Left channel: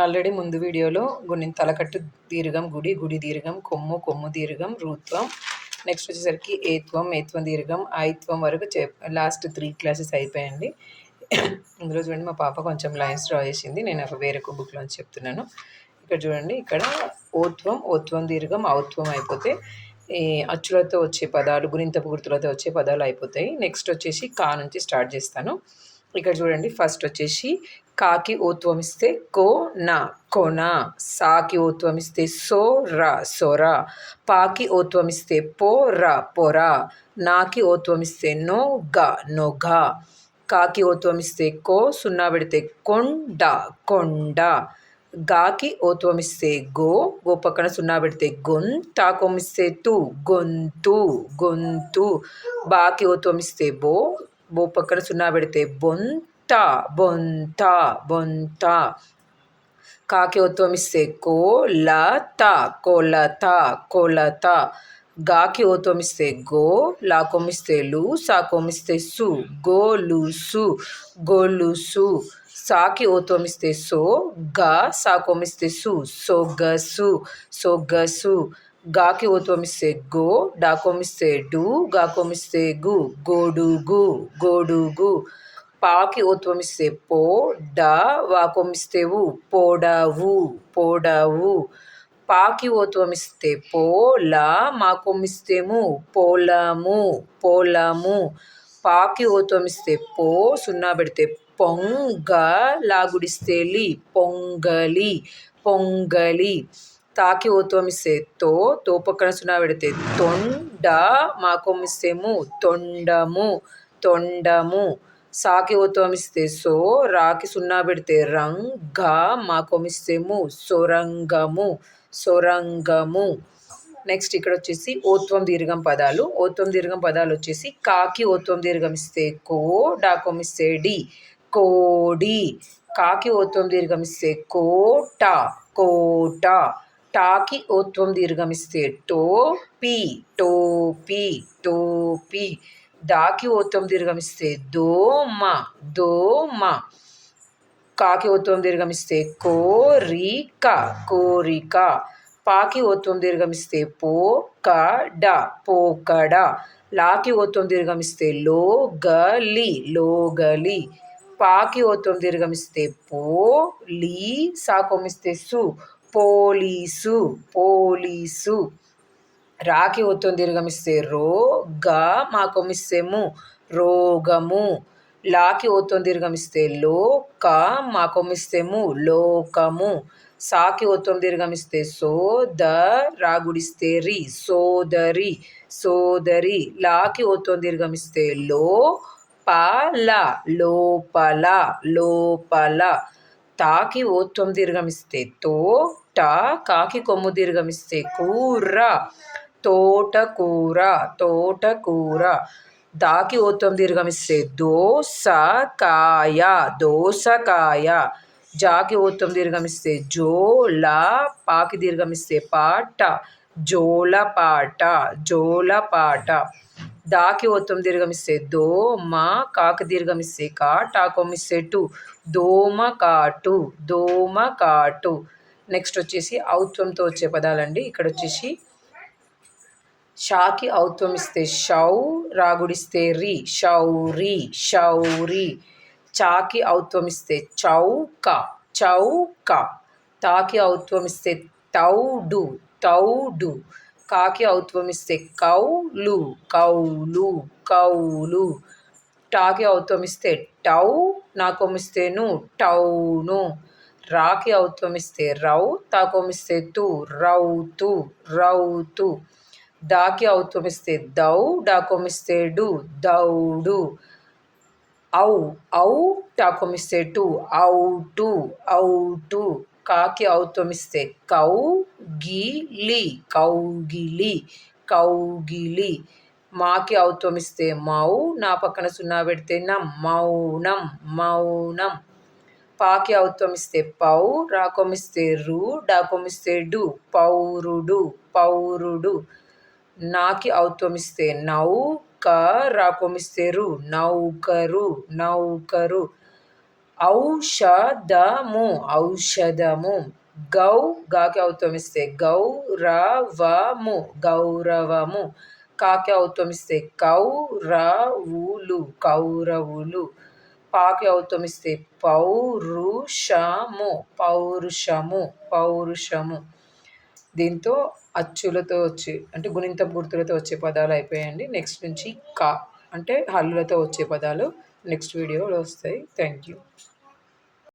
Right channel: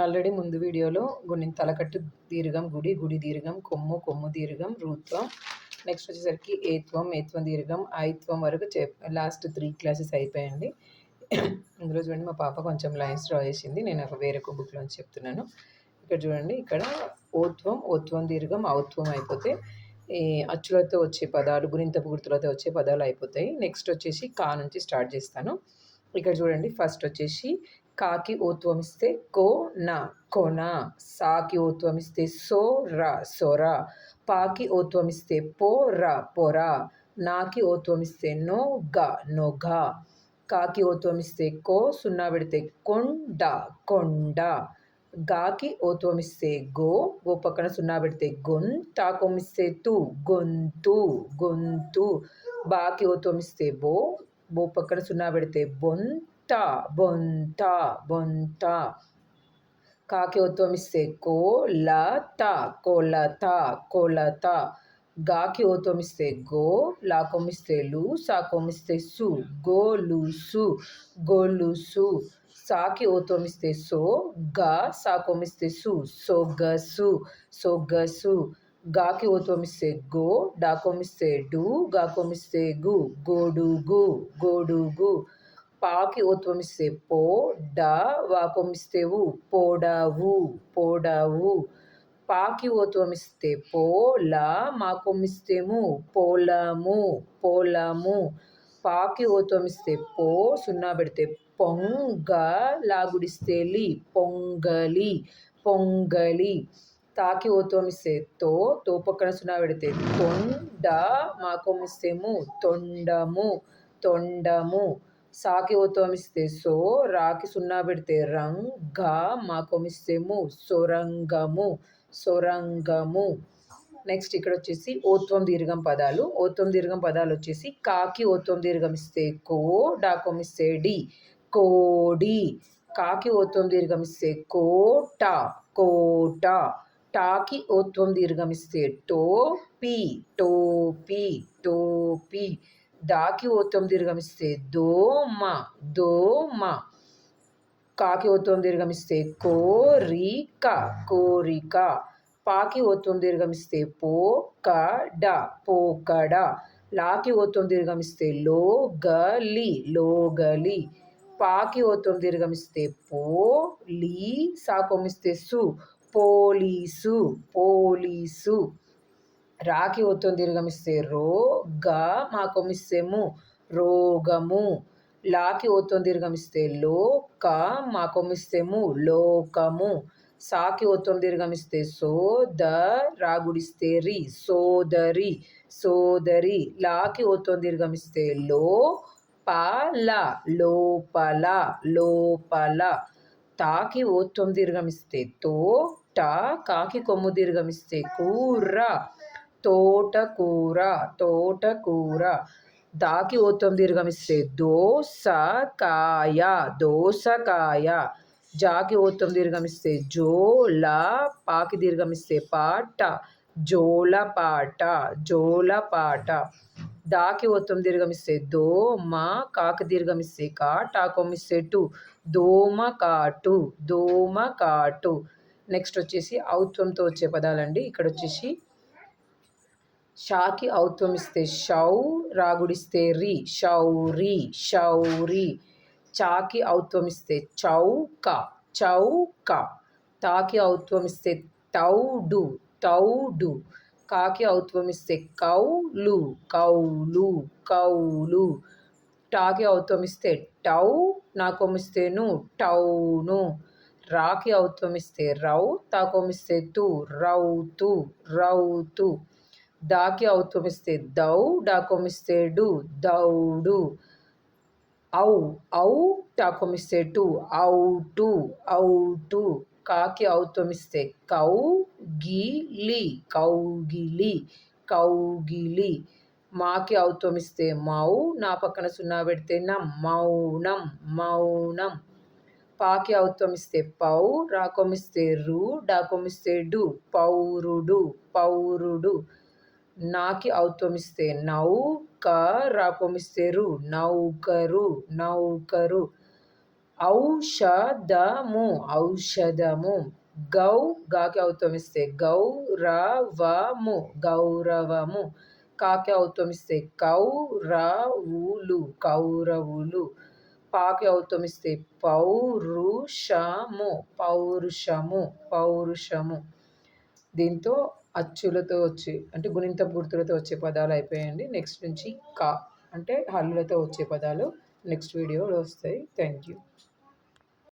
Already ముందు వీడియోలో తలకట్టు దీర్ఘం గుడి, గుడి దీర్ఘం కొమ్ము, కొమ్ము దీర్ఘం రుత్వం. నెక్స్ట్ వచ్చేసరికి ఏత్వం, ఏత్వం దీర్ఘం ఐత్వం వరకు లాస్ట్ 3 క్లాసెస్ అయిపోయాయండి. ఇందులో చూడండి మా పాప కొంచెం లైన్స్ డ్రా చేసింది. నేను వేరే ఒక బుక్లో చెప్తున్నాను. ఇక్కడ చూడండి, ఇక్కడ ఓత్వం, ఓత్వం దీర్ఘం ఔత్వం అయిపోతే ఈ అచ్చులతో వచ్చే పదాలు, గుణింతపు గుర్తులతో వచ్చే పదాలు అయిపోతాయి. నెక్స్ట్ వచ్చేసి కా నుంచి స్టార్ట్ చేస్తాను. ఇక్కడ చూడండి, ఫస్ట్ వచ్చేసి కాకి ఓత్వం ఇస్తే కో నా కొన, సాకి ఓత్వం ఇస్తే సో రా సొర, పాకి ఓత్వం ఇస్తే పో రా పొర, నాకి ఓత్వం ఇస్తే నో గ నొగ, కాకి ఓత్వం ఇస్తే కో సున్నా పెడితే కొండ కొండ, గాకి ఓత్వం ఇస్తే గో, గో పక్కన సున్నా పెడితే గొన్, తాకోం ఇస్తే తు గొంతు గొంతు, బాకి ఓత్వం ఇస్తే బో, బో పక్కన సున్నా పెడితే బొంత బొంత బొంత, కాకి ఓత్వం ఇస్తే కోలత కొలత కొలత, గాకి ఓత్వం ఇస్తే గో, లాకోం ఇస్తే లు, సాకోం ఇస్తే సు గోలుసు గొలుసు, సాకి ఓత్వం ఇస్తే సో, గా సాకోం ఇస్తే సు సొగసు సొగసు, గాకి ఓత్వం ఇస్తే గో, డాకోం ఇస్తే డు, గాకోం ఇస్తే గు గొడుగు గొడుగు, పాకి ఓత్వం ఇస్తే పో, డా వాకోం ఇస్తే వు పొడవు పొడవు, పాకి ఓత్వం ఇస్తే పో, లా మాకోం ఇస్తే ము పొలము పొలము, పాకి ఓత్వం ఇస్తే పో, సున్నా పెడితే పొంగ, లాగుడిస్తే లి పొంగలి పొంగలి, తాకి ఓత్వం ఇస్తే తో, తో పక్కన సున్నా పెడితే తొండ, మాకోం ఇస్తే ము తొండము తొండము, సాకి ఓత్వం ఇస్తే సో, రాకి సున్నా పెడితే రంగ, మాకోం ఇస్తే ము సొరంగము సొరంగము. నెక్స్ట్ ఇక్కడ వచ్చేసి ఓత్వం దీర్ఘం పదాలు. ఓత్వం దీర్ఘం పదాలు వచ్చేసి కాకి ఓత్వం దీర్ఘం ఇస్తే కో, డాకోం ఇస్తే డి కోడి, కాకి ఓత్వం దీర్ఘం ఇస్తే కోట కోట, టాకి ఓత్వం దీర్ఘం ఇస్తే టో, పి టోపి టోపి, దాకి ఓత్వం దీర్ఘం ఇస్తే దోమ దోమ, కాకి ఓత్వం దీర్ఘం ఇస్తే కోరిక కోరిక, పాకి ఓత్వం దీర్ఘం ఇస్తే పోకడ పోకడ, లాకి ఓత్వం దీర్ఘం ఇస్తే లోగలి లోగలి, పాకి ఓత్వం దీర్ఘం ఇస్తే పో, లీ సాకోం ఇస్తే సు పోలీసు పోలీసు, రాకి ఓత్వం దీర్ఘం ఇస్తే రో, గా మాకోం ఇస్తే ము రోగము, లాకి ఓత్వం దీర్ఘం ఇస్తే లో, క మాకోం ఇస్తే ము లోకము, సాకి ఓత్వం దీర్ఘం ఇస్తే సో, ద రాగుడిస్తే రి సోదరి సోదరి, లాకి ఓత్వం దీర్ఘం ఇస్తే లో, పల లోపల లోపల, తాకి ఓత్వం దీర్ఘం ఇస్తే తో, ట కాకి కొమ్ము దీర్ఘం ఇస్తే కూర తోటకూర తోటకూర, దాకి ఓత్వం దీర్ఘం ఇస్తే దోసకాయ దోసకాయ, జాకి ఓత్వం దీర్ఘం ఇస్తే జోల, పాకి దీర్ఘం ఇస్తే పాట జోలపాట జోలపాట, దాకి ఓత్వం దీర్ఘం ఇస్తే దోమ, కాకి దీర్ఘం ఇస్తే కా, టాకోం ఇస్తే టు దోమకాటు దోమకాటు. నెక్స్ట్ వచ్చేసి ఔత్వంతో వచ్చే పదాలండి. ఇక్కడ వచ్చేసి షాకి ఔత్వం ఇస్తే షౌ, రాగుడిస్తే రి షౌరి షౌరి, చాకి ఔత్వం ఇస్తే చౌక చౌక, తాకి ఔత్వం ఇస్తే తౌడు తౌడు, కాకి ఔత్వం ఇస్తే కౌలు కౌలు కౌలు, టాకి ఔత్వం ఇస్తే టౌ, నాకోం ఇస్తే ను టౌను, రాకి ఔత్వం ఇస్తే రౌ, తాకోం ఇస్తే తు రౌతు రౌతు, దాకి ఔత్వం ఇస్తే దౌ, డాకోం ఇస్తే డు దౌడు, ఔ ఔ టాకోం ఇస్తే టు ఔటు ఔటు, కాకి ఔత్వం ఇస్తే కౌ, గిలి కౌగిలి కౌగిలి, మాకి ఔత్వం ఇస్తే మౌ, నా పక్కన సున్నా పెడితే నం మౌనం మౌనం, పాకి ఔత్వం ఇస్తే పౌ, రాకోం ఇస్తే రు, డాకోం ఇస్తే డు పౌరుడు పౌరుడు, నాకి ఔత్వం ఇస్తే నౌక, రాకోం ఇస్తే రు నౌకరు నౌకరు, ఔషధము ఔషధము. గౌ గాకి ఔత్వమిస్తే గౌరవము గౌరవము. కాకి ఔత్వమిస్తే కౌరవులు కౌరవులు. పాకి ఔత్వమిస్తే పౌరుషము పౌరుషము పౌరుషము. దీంతో అచ్చులతో వచ్చే అంటే గుణింతపు గుర్తులతో వచ్చే పదాలు అయిపోయాయండి. నెక్స్ట్ నుంచి కా అంటే హల్లులతో వచ్చే పదాలు నెక్స్ట్ వీడియోలో వస్తాయి. Thank you.